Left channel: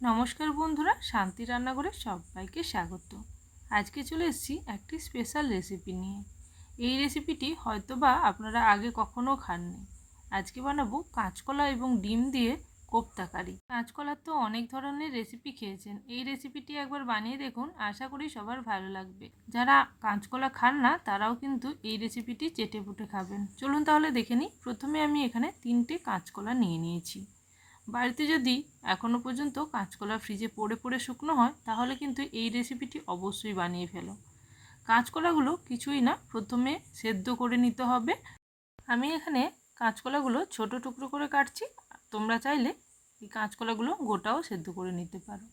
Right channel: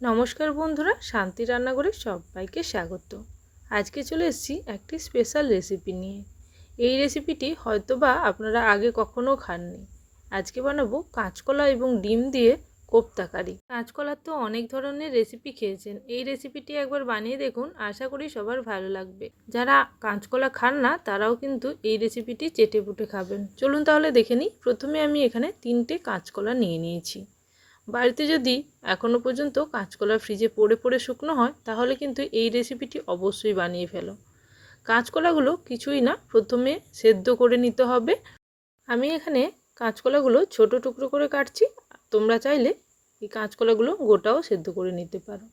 নমস্কার বন্ধুরা, শান্তি রান্নাঘরে সবাইকে স্বাগত। আজকে চলে এসেছি একটি স্পেশাল রেসিপি নিয়ে। এই রেসিপিটি হয়তোবা আপনারা আগে কখনো খাননি। আজকে বানাবো কাঁচকলা এবং ডিম দিয়ে কোপ্তা কারি। কাঁচকলার তো অনেক ধরনের রেসিপি খেয়েছেন। এই রেসিপিটি একবার বানিয়ে দেখুন, আশা করি সবার ভালো লাগবে। যারা কাঁচকলা খান না, তারাও কিন্তু এই রেসিপিটি চেটে পুটে খাবেন। চলুন তাহলে দেখে নিই। প্রথমে আমি এখানে তিনটে কাঁচকলা নিয়ে নিয়েছি। বাড়িতে যদি এখনও পর্যন্ত কাঁচকলা ফ্রিজে পড়ে পড়ে শুকনো হয়, তাহলে কিন্তু এই রেসিপিটি অবশ্যই বানিয়ে ফেলো। কাঁচকলাগুলো কিছুই না, প্রথমে সেদ্ধ করে নিতে হবে। আমি এখানে কাঁচকলাগুলো ছোট টুকরো করে কাটছি। তোমরা চাইলে এই কাঁচকলাগুলো গোটাও সেদ্ধ করে নিতে পারো।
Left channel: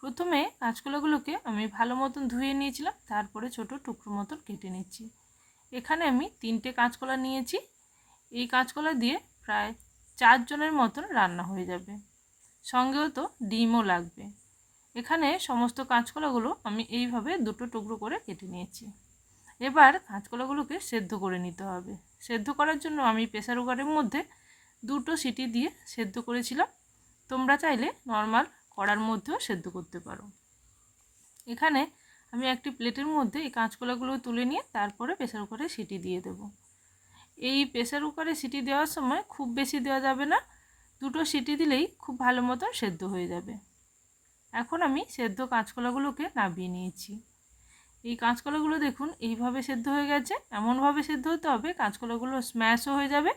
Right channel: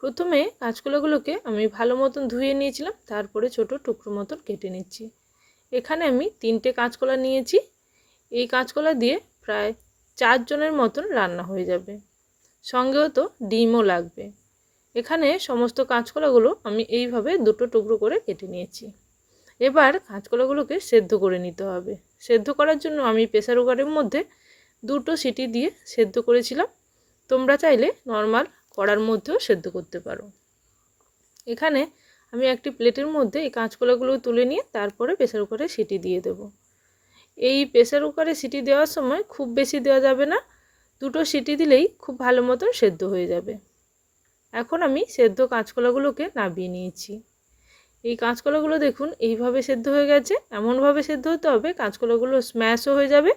প্রথমে কাঁচকলাগুলোকে আমি ভালো মতন ধুয়ে নিয়েছিলাম, তারপরে ছোট টুকরো মতন কেটে নিচ্ছি। এখানে আমি তিনটে কাঁচকলা নিয়েছি। এই কাঁচকলা দিয়ে প্রায় চারজনের মতন রান্না হয়ে যাবে। সঙ্গেও তো ডিমও লাগবে। এখানে সমস্ত কাঁচকলাগুলো আমি এইভাবে দুটো টুকরো করে কেটে নিয়েছি। এবার কাঁচকলাগুলোকে সেদ্ধ করে নিতে হবে। সেদ্ধ করার জন্য আমি প্রেসার কুকারের মধ্যে দুটো সিটি দিয়ে সেদ্ধ করেছিলাম। তোমরা চাইলে নর্মাল কড়ার মধ্যেও সেদ্ধ করতে পারো। এখানে আমি একটি প্লেটের মধ্যে এই কাঁচকলাগুলো তুলে নিয়ে তারপরে প্রেসার কুকারে সিটি দিয়ে দেবো। এই প্রেসার কুকারে সিটি দেওয়ার সময় খুব বেশি দেওয়া যাবে না। দুটো সিটি দিলেই খুব ভালো মতন সেদ্ধ হয়ে যাবে। এখন আমি সেদ্ধ কাঁচকলাগুলোকে নাবিয়ে নিয়েছি। এই কাঁচকলাগুলো দেখুন এইভাবে সেদ্ধ হয়ে গেছে। এমনভাবে সেদ্ধ হতে হবে কাঁচকলাগুলো স্ম্যাশও হয়ে যাবে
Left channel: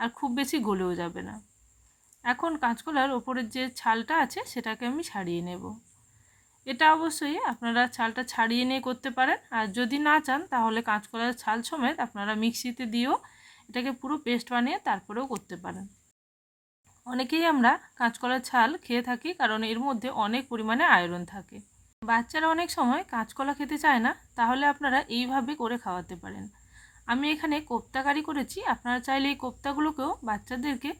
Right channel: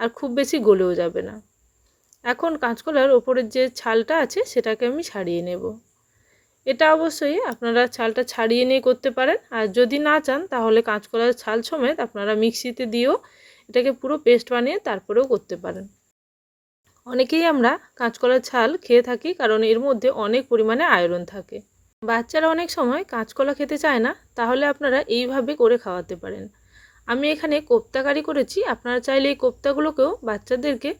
আর খুব বেশি গলেও যাবে না। এখন কাঁচকলার ওপরের যে ছালটা আছে সেটাকে আমি ছাড়িয়ে নেব। এটা অবশ্যই আপনারা ছালটা ছাড়িয়ে নিয়ে করতে পারেন। আর যদি না চান তাহলে কাঁচকলার ছাল সমেত আপনারা মিক্সিতে দিয়েও এটাকে পুরো পেস্ট বানিয়ে তারপরেও করতে পারেন। অনেকেই আমরা কাঁচকলার ছাল খেয়ে থাকি কারণ এর মধ্যে অনেক পরিমাণে আয়রন থাকে। বাচ্চারা অনেক সময় কাঁচকলা খেতে চায় না, তাহলে আপনারা এইভাবে করে খাওয়াতে পারেন। আমি এখানে কোপ্তাকারি করেছি, আপনারা চাইলে এই কোপ্তাগুলোকেও বাচ্চাদেরকে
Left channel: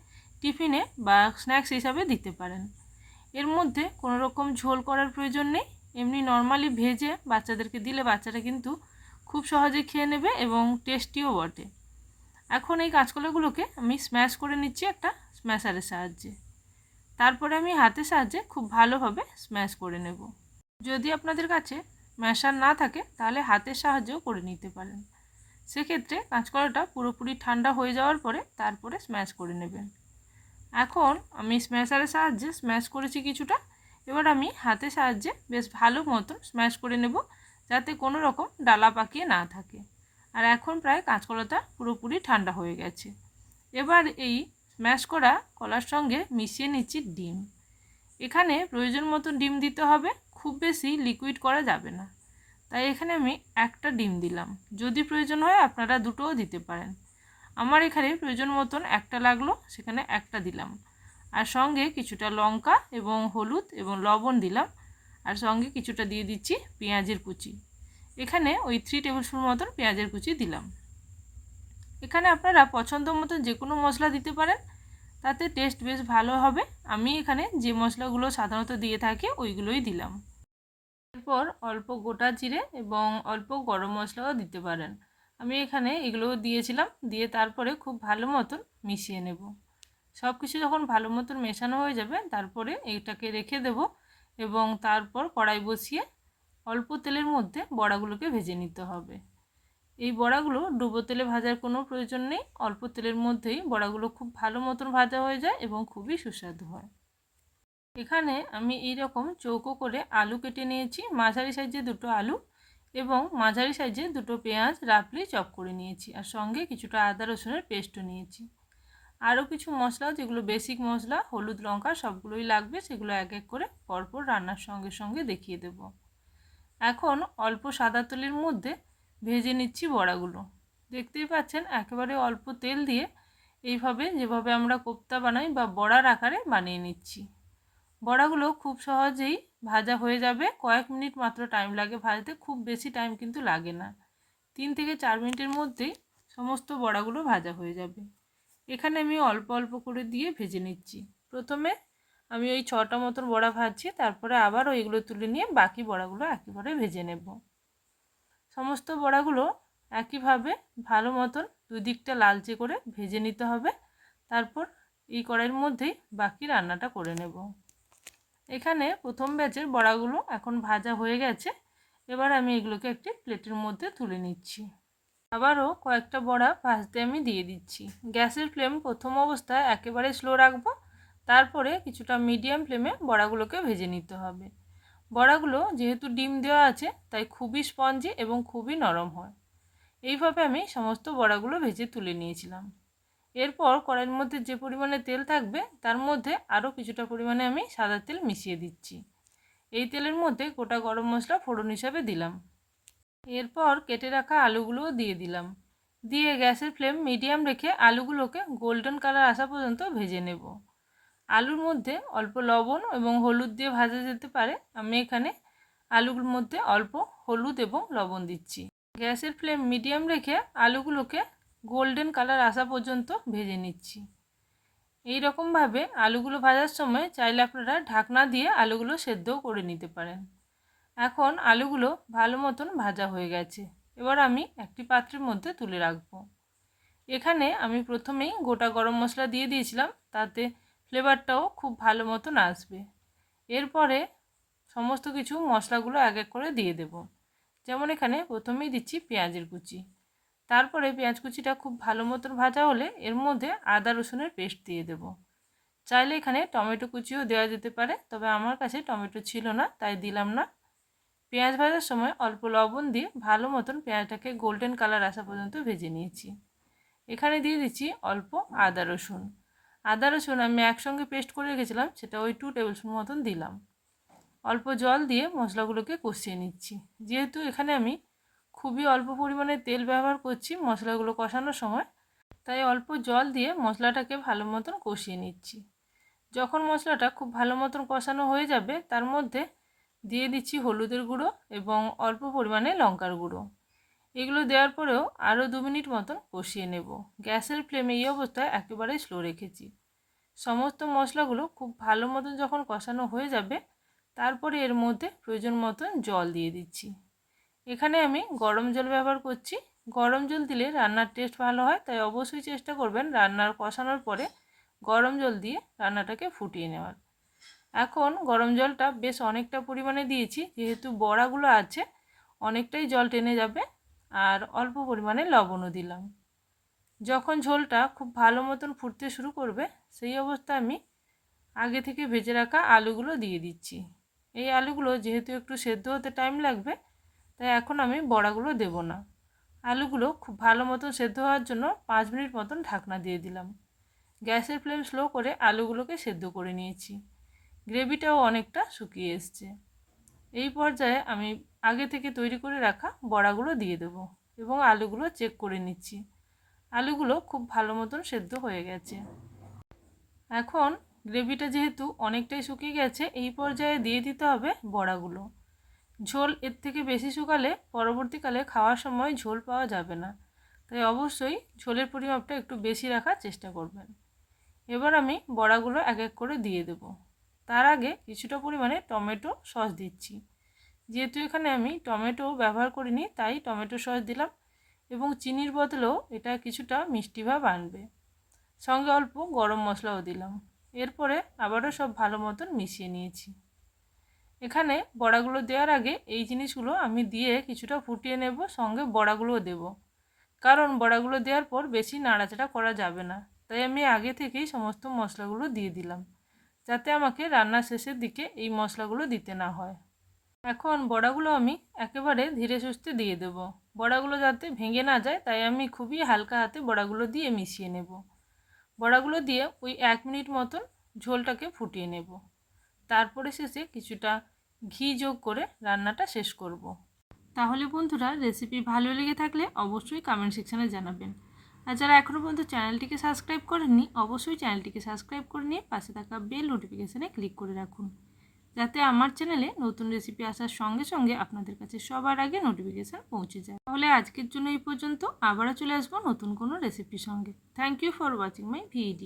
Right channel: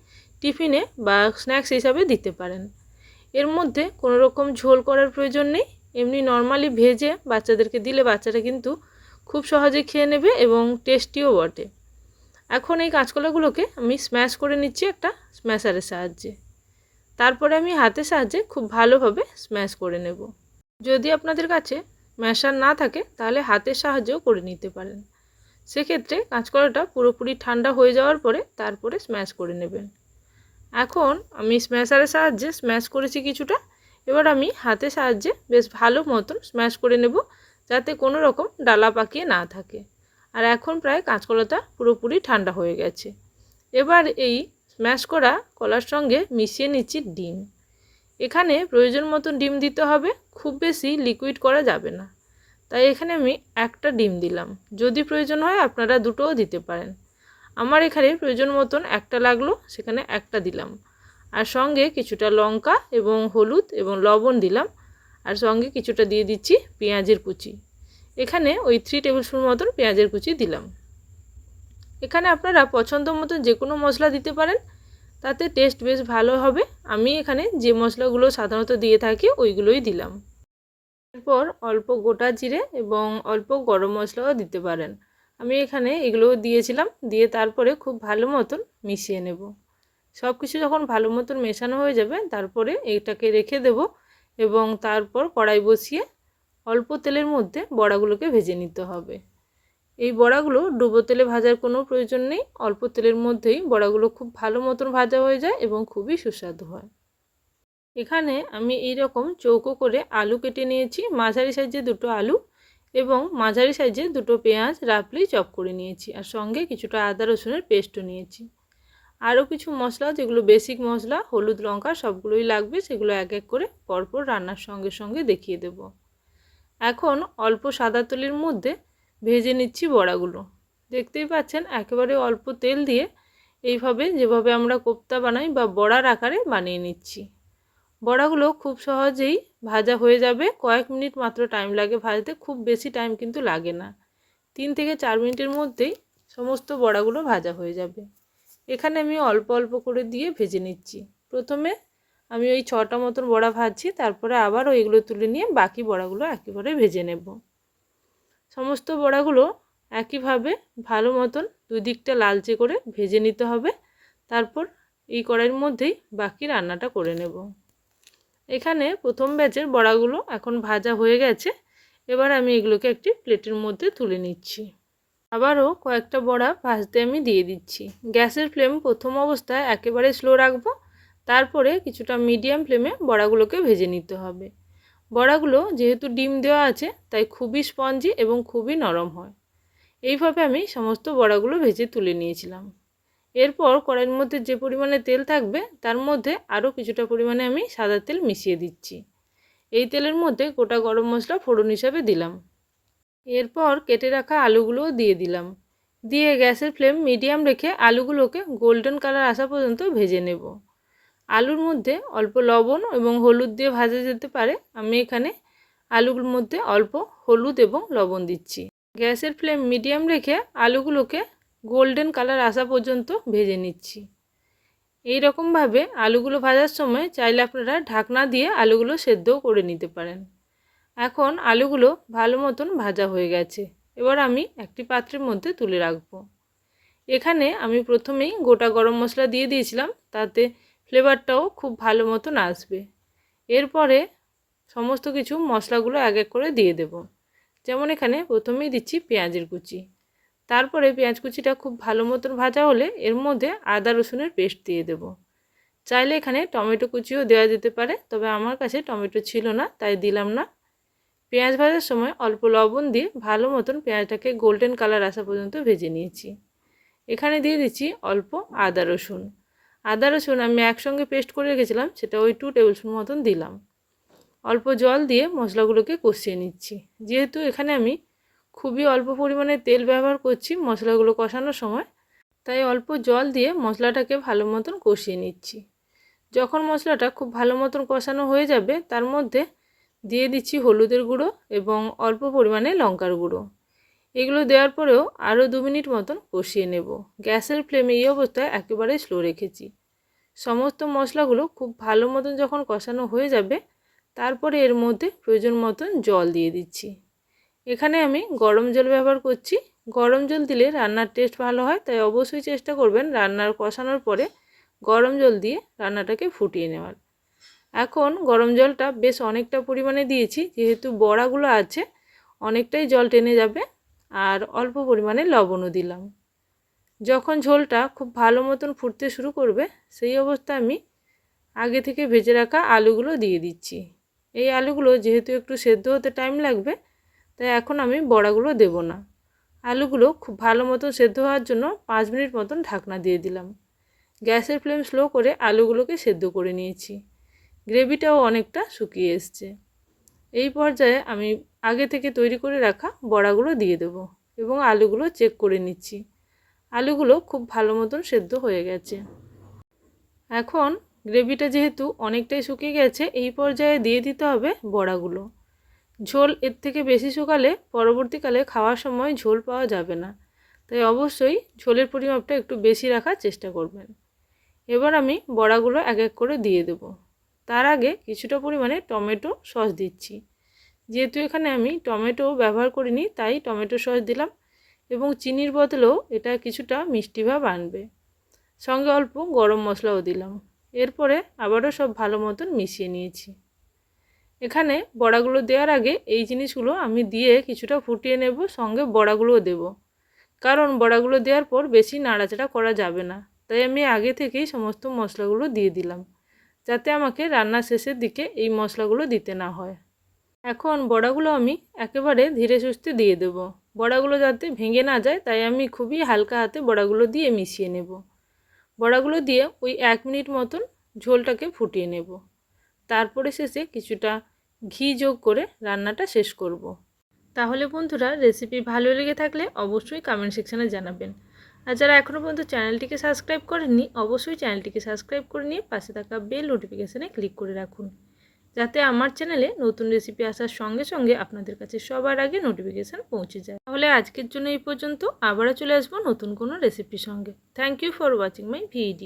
টিফিনে বা স্ন্যাক্স হিসাবে দিতে পারেন। এর মধ্যে কোনো রকম ঝোল করার প্রয়োজন নেই, এমনি নর্মালি ভেজে বাচ্চাদেরকে দিলে বাচ্চারা কিন্তু খুব সহজে খেয়ে নেবে এবং টেস্টিও বটে। এখন এই কাঁচকলাগুলোকে আমি স্ম্যাশ করে নিচ্ছি একটা স্ম্যাশারের সাহায্যে। তারপরে আমি হাতের সাহায্যে খুব ভালোভাবে স্ম্যাশ করে নেব। যদি আপনাদের কাছে ম্যাশার না থাকে, তাহলে হাতের সাহায্যেও করে নিতে পারেন। সেক্ষেত্রে কাঁচকলাটা পুরোপুরি ঠান্ডা হয়ে যাওয়ার পরে তারপরে স্ম্যাশ করে নেবেন। এখন আমি স্ম্যাশারের সাহায্যে স্ম্যাশ করেছি কিছুটা। এবার আমি হাতের সাহায্যে বেশ ভালো মতন স্ম্যাশ করে নেব, যাতে কোনো রকম ডালা পাকিয়ে না থাকে। আর এখন প্রায় কাঁচকলাটা পুরোপুরি ঠান্ডা হয়ে গেছে। এবার এই স্ম্যাশ করা কলার সঙ্গে মিশিয়ে নিচ্ছি ডিম। এখানে প্রয়োজন মতন ডিম দিতে হবে, খুব বেশি লিকুইড করা যাবে না। তাই এখানে আমি একটা ডিম দিলাম। যদি প্রয়োজন হয় আপনারা দুটোও দিতে পারেন। আমার এখানে প্রয়োজন মতন একটা লাগল, সেখানে একটা দিলাম। আর সঙ্গে কিছুটা লঙ্কা এবং হলুদ এবং লবণ দিলাম। আর সঙ্গে কিছুটা দিয়ে দিচ্ছি পেঁয়াজের কুচি। এখানে ওই থ্রি টেবিল স্পুন মতন পেঁয়াজের কুচি দিলাম। এখানে আপনারা পছন্দ মতন যে কোনো মশলা দিতে পারেন, তাতে টেস্ট বেশ ভালো হবে। আমি এখানে যে মশলাগুলো সাধারণত দিয়ে থাকি, ওইগুলোই দিলাম। এরপর অল্প গোটা জিরে এবং অল্প গরম মশলাও দিতে পারেন। আমি এখানে এগুলোও দিয়েছিলাম, দিয়ে তারপরে খুব ভালো মতন মিশিয়ে নেব। সব কিছু যখন ভালো মতন মেশানো হয়ে যাবে, তারপরে এটাকে রেখে দেব এবং তারপর কড়াই বসিয়ে অল্প তেলের মধ্যে বড়াগুলোকে ভেজে নিতে হবে। এই বড়াগুলো ডুবো তেলে ভাজার কোনো প্রয়োজন নেই। অল্প তেলের মধ্যেই বড়াগুলো খুব ভালো মতন ভাজা হয়ে যায় এবং খুবই সুস্বাদু হয়। এখানে আমি এই রকম চৌকো করে আলু কেটে নিয়েছি। মাঝারি সাইজে দুটো আলু এবং মাঝারি সাইজে দুটো পেঁয়াজ রাফলি চপ করে নিয়েছি আর সঙ্গে কিছুটা আদা রসুনের পেস্টও নিয়েছি। আরও কিছু মশলা, যেগুলো বেসিক মশলা, হলুদ লঙ্কা সবগুলোই লাগবে, সেগুলো এক এক করে পরপর রান্নার সঙ্গে সঙ্গে দেখিয়ে দেব। এখন অল্প সাদা তেলের মধ্যে ভেজে নিচ্ছি বড়াগুলো। দেখতেই পাচ্ছেন, একেবারে অল্প তেল দিয়ে এইভাবে যেভাবে আমরা কোপ্তা বানাই বা বড়ার আকারে বানিয়ে নিচ্ছি। বড়াগুলো খুব সহজেই ভাজা হয়ে যাবে। কয়েক মিনিট মাত্র টাইম লাগে ভাজতে, খুব বেশি টাইম কিন্তু লাগে না। তিন থেকে চার মিনিটের মধ্যেই সমস্ত বড়াগুলো ভাজা হয়ে যাবে। এখানে আমি অল্প অল্প করে দিয়ে ভেজে নিচ্ছি। প্রথমে আমি ওই ছটা মতন বড়া ভাজছি, তারপরে আবার ওইগুলো তুলে নিয়ে বাকি বড়াগুলো একেবারে ভেজে নেব। সমস্ত বড়াগুলো একইভাবে ভালো মতন দুই দিকটা লালচে করে ভেজে নিতে হবে। তারপর এই কড়াইয়ের মধ্যেই বাকি রান্নাটা করে নেব। এখানে প্রথম ব্যাচের বড়াগুলো এখন ভাজা হয়ে গেছে। এবার আমি এগুলোকে একটি প্লেটের মধ্যে তুলে নিচ্ছি। আবারও কয়েকটা বড়া ভাজতে আমি দিয়ে দিচ্ছি। গ্যাসের ফ্লেম প্রথম অবস্থায় একেবারে স্লো রাখব তারপরে কিছুটা মিডিয়াম ফ্লেমে বড়াগুলোকে ভেজে নিতে হবে। বড়াগুলো যেহেতু ডিম দেওয়া আছে, তাই খুবই স্পঞ্জি এবং খুবই নরম হয়। এইভাবে আমি সমস্ত বড়াগুলো ভেজে তুলে নিয়েছিলাম। এরপর কড়াইয়ের মধ্যে যে পরিমাণে তেল থাকবে, তার মধ্যে আরও কিছুটা পরিমাণে আমি সাদা তেল মিশিয়ে দিচ্ছি। এই তেলের মধ্যে গোটা গরম মশলা ফোড়ন হিসাবে দিলাম। এরপর কেটে রাখা আলুগুলোও দিয়ে দিলাম। দিয়ে গ্যাসের ফ্লেম মিডিয়াম রেখে আলুগুলোকে গোল্ডেন কালার আসা পর্যন্ত ভেজে নেব। আলুর মধ্যে অল্প লবণ এবং হলুদ দিয়ে ভাজা যেতে পারে, আমি এখানে আলুর মধ্যে অল্প হলুদ এবং লবণ দিচ্ছি। গ্যাসের ফ্লেম মিডিয়াম রেখে আলুগুলোকে গোল্ডেন কালার আসা পর্যন্ত ভেজে নিচ্ছি। এই রকমভাবে আলুগুলো ভাজার সময় চাইলে আপনারা ঢাকনা দিয়ে আলুগুলো সেদ্ধও করে নিতে পারেন। এখন আলুগুলো ভালো মতন ভাজা হয়ে গেছে, এবার আমি একটি পাত্রের মধ্যে তুলে রাখব। এখানে আমি প্রথমেই গোটা গরম মশলা দিয়ে দিয়েছিলাম, তাতে ফ্লেভারটাও খুব ভালো মতন আসবে। এরপরে সমস্ত কিছু মশলাগুলো এক এক করে দিয়ে দেব। যেমন এখানে প্রথমেই দিচ্ছি পেঁয়াজের কুচি। তারপরে পেঁয়াজ কুচিটা খুব ভালো মতন ভাজা হলে এর মধ্যে আদা রসুনের পেস্ট দিয়ে দেব। চাইলে এখানে টমেটো কুচিও দেওয়া যেতে পারে, তবে আমার কাছে টমেটো ছিল না, তাই দিলাম না। পেঁয়াজ ভাজার সময় অল্প লবণ দিয়ে ভালো মতন পেঁয়াজটাকে গোল্ডেন কালার আসা পর্যন্ত ভেজে নিয়েছি। এখানে দিয়ে দিচ্ছি অল্প আদা রসুন। আদা, রসুন আমি একসঙ্গে পেস্ট করে রেখেছিলাম, সেটা ওই টু টেবিল স্পুন মতন দিলাম। অল্প জল দিয়ে মশলাগুলোকে কষিয়ে নিচ্ছি। যেহেতু এখানে আমি খুবই অল্প পরিমাণে তেল ব্যবহার করছি মশলাগুলো কষানোর সময়, তাই অল্প জল দিয়ে মশলাটাকে ভালো মতন কষিয়ে নিচ্ছি। যখন মশলাটা খুব ভালো মতন কষানো হয়ে যাবে, তার মধ্যে দিয়ে দিচ্ছি হলুদের গুঁড়ো এবং অল্প পরিমাণে লঙ্কার গুঁড়ো। এগুলো দেওয়ার পরেও আরও দু মিনিট মতন কষিয়ে নেব। গ্যাসের ফ্লেমে এই অবস্থায় একেবারে স্লো রেখেছি। সমস্ত মশলাগুলো খুব ভালো মতন যখন কষানো হয়ে যাবে, তারপরে এর মধ্যে প্রয়োজন মতন জল দিয়ে দিচ্ছি। এখানে আমি গরম জল ব্যবহার করছি। গরম জল দিলে রান্নার টেস্ট ভালো হয়, তাই অবশ্যই চেষ্টা করবেন রান্নার কষানোর পরে গরম জল দিয়ে রান্নাটাকে ফুটিয়ে নেওয়ার। এখন গরম জলটা বেশ অনেকটা পরিমাণে দিয়েছি, যেহেতু বড়াগুলো আছে, অনেকটাই জল টেনে যাবে। আর অল্প পরিমাণে লবণও দিলাম। যখন ঝোলটা খুব ভালো মতন ফুটতে শুরু করবে, সেই অবস্থায় আমি আগে থেকে ভেজে রাখা আলুগুলো দিয়ে দিচ্ছি। এই আলুগুলো যেহেতু একটু সেদ্ধ হতে টাইম লাগবে, তাই এখন আমি বড়াগুলো দেব না। আলুগুলো খুব ভালো মতন সেদ্ধ হওয়ার জন্য পাঁচ মিনিট মতন ঢাকনা দিয়ে দিলাম। গ্যাসের ফ্লেম স্লো করে আলুগুলোকে সেদ্ধ করে নিয়েছি। গ্রেভিটাও অনেকটা শুকিয়ে এসছে। এই পর্যায়ে আমি আগে থেকে তৈরি করে রাখা বড়াগুলো দিয়ে দেবো এবং আলুগুলো চেক করে নিচ্ছি। আলুগুলো খুব ভালো মতন সেদ্ধ হয়ে গেছে। এখন গ্রেভিটা যেহেতু অনেকটাই শুকিয়ে গেছে, এই পর্যায়ে দিয়ে দিতে হবে বড়াগুলো। ঝোল এর থেকে বেশি শুকালে পরবর্তীকালে খাওয়ার সময় ঝোল পাওয়া যাবে না। তাই অবশ্যই ঝোলের পরিমাপটা একটু বেশি রাখার চেষ্টা করবেন। এবার আমি বড়াগুলো এক এক করে দিয়ে দেব। তার আগে কিছুটা পরিমাণে টমেটো সস দিচ্ছি। যেহেতু এখানে আমি টমেটো ব্যবহার করিনি, তাই টমেটো সস দিলাম এবং চিনির বদলেও এটা কিছুটা মিষ্টি ভাব আনবে। সঙ্গে অল্প গরম মশলাও দিলাম। এরপরে আবারও সব ভালো মতন মিশিয়ে নিয়েছি। এখানে বড়াগুলো দেওয়ার আগে এই জিনিসগুলো আমি দিয়ে কিছুটা ফুটিয়ে নেব, সঙ্গে বড়াগুলোও দেব। কারণ বড়াগুলো দেওয়ার পর বেশি নাড়াচাড়া করা যাবে না, তাই আমি আগে থেকেই সমস্ত মশলাগুলো দিয়ে দিলাম, যাতে আমাকে রান্নার শেষের দিকে এই মশলাগুলো দিতে না হয়। এখন বড়াগুলো আমি একেবারে ধীরে সুস্থে দিয়ে দেব। বড়াগুলো যাতে ভেঙে না যায়, তাই আমি খুবই হালকা হাতে বড়াগুলো দিয়ে মিশিয়ে নেব। বড়াগুলো দিয়ে ওই এক মিনিট মতন ঝোলটাকে ফুটিয়ে নেব। তারপরে শেষে কিছুটা ঘি যোগ করে রান্নাটা শেষ করব। তাহলে বন্ধুরা, রেসিপি ভালো লেগে থাকলে অবশ্যই কমেন্ট সেকশানে জানাবেন। আর যারা এখনও পর্যন্ত চ্যানেলটিকে সাবস্ক্রাইব করেননি, অবশ্যই চ্যানেলটিকে সাবস্ক্রাইব করে নিয়ে পাশে থাকা বেল নোটিফিকেশানে ক্লিক করে রাখুন। যাতে আমার চ্যানেলে নতুন রেসিপি আসার সঙ্গে সঙ্গে আপনাদের কাছে সবার আগে নোটিফিকেশান পৌঁছে যায়। তাহলে আজকের জন্য এই পর্যন্ত। আবারও চলে আসব নতুন কোনো রেসিপির সঙ্গে। Thank you for watching my video